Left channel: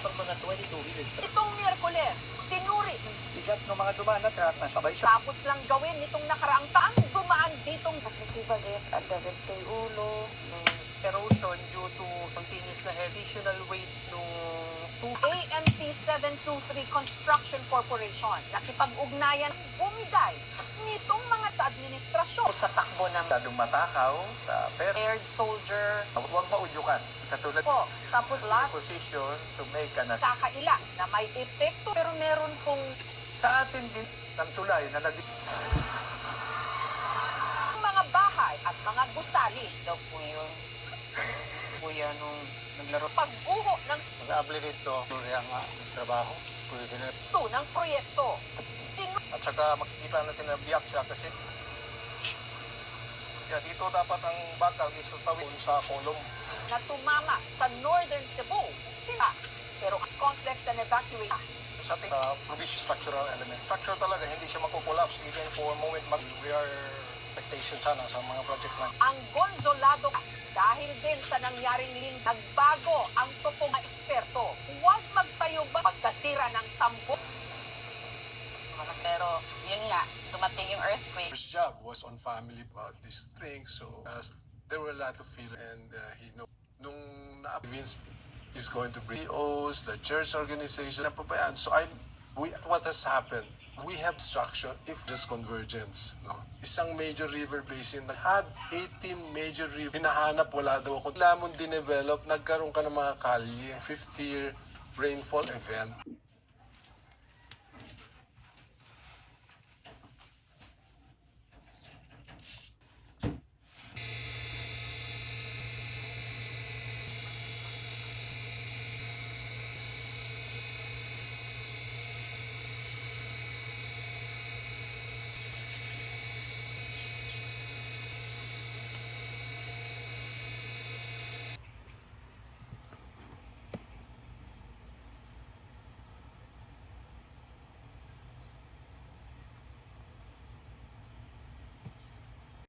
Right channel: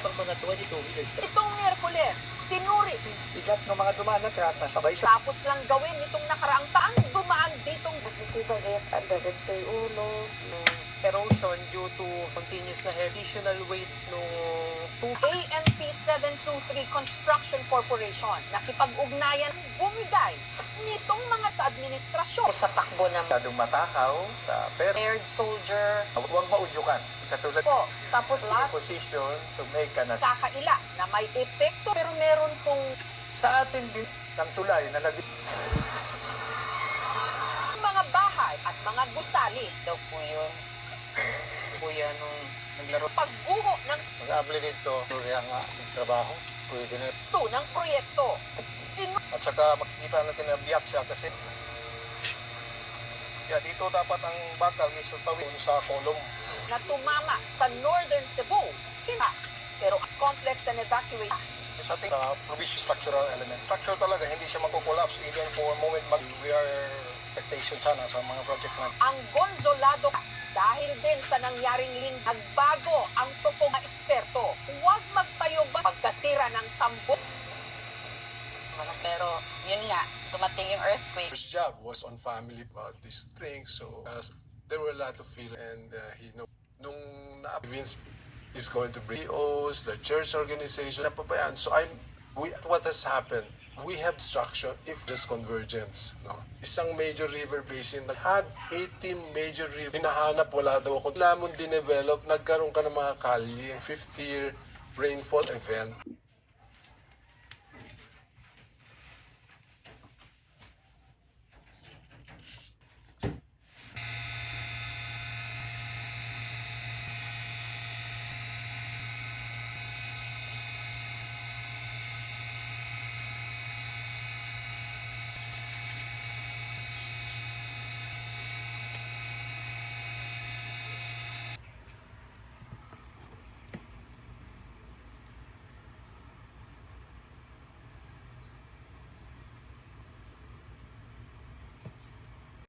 Tapos mga 22 minutes. Itong Miyerkules, sinuri. Bigat ng mga dumaan na truck, nasabay siya. Tapos lang gawin nitong nakaraang taang dumaan ditong Nagtitibag at dagagto yung ulo. Erosion due to continuous na additional weight ng tubig. AMP 723 Construction Corporation. Nakipag-ugnayan bumiday nitong mga sa administrasyon. Sa takbo ng Masyadong matakaw sa pero aired soldier. huwag maudyukan. Katulad Po, tapos ng lahat position to make na sa kaila na may epekto pero meron pong sa atin din ng tulay na naging mga bahay at mga gusali. Daw po yun. Kuya nung naglaro. Pagbuho ng mag-apply dito ang trabaho. sto ng proyekto. At saka makikita natin na biyak siya kasi dito dapat ang bakal is tawid sa kolong. Na tumama sa Northern Cebu. Pero as complex and evacuate. Sa ating provision structural element. Structure talaga, hindi siya makukolapse even for a moment. We are expectation sana sa mga project na. Ang Gonzolado dahil din sa nangyaring nagbago ang toko ng eksperto. Huwag magtayo ba pagkasira ng tambo. Pero yun nga, dumating yung earthquake. His job was on family about this thing, so there were a lot of feeling, and he know nung na-convince is going to bring CEOs, the church organization, napabayaan. So what has happened? We have structure if there's convergence. No? Isang major river basin had 18 major river. Hinahanap, wala daw ako. Lamon dinevelop, nagkaroon ka ng mga kalye, 50-year rainfall event.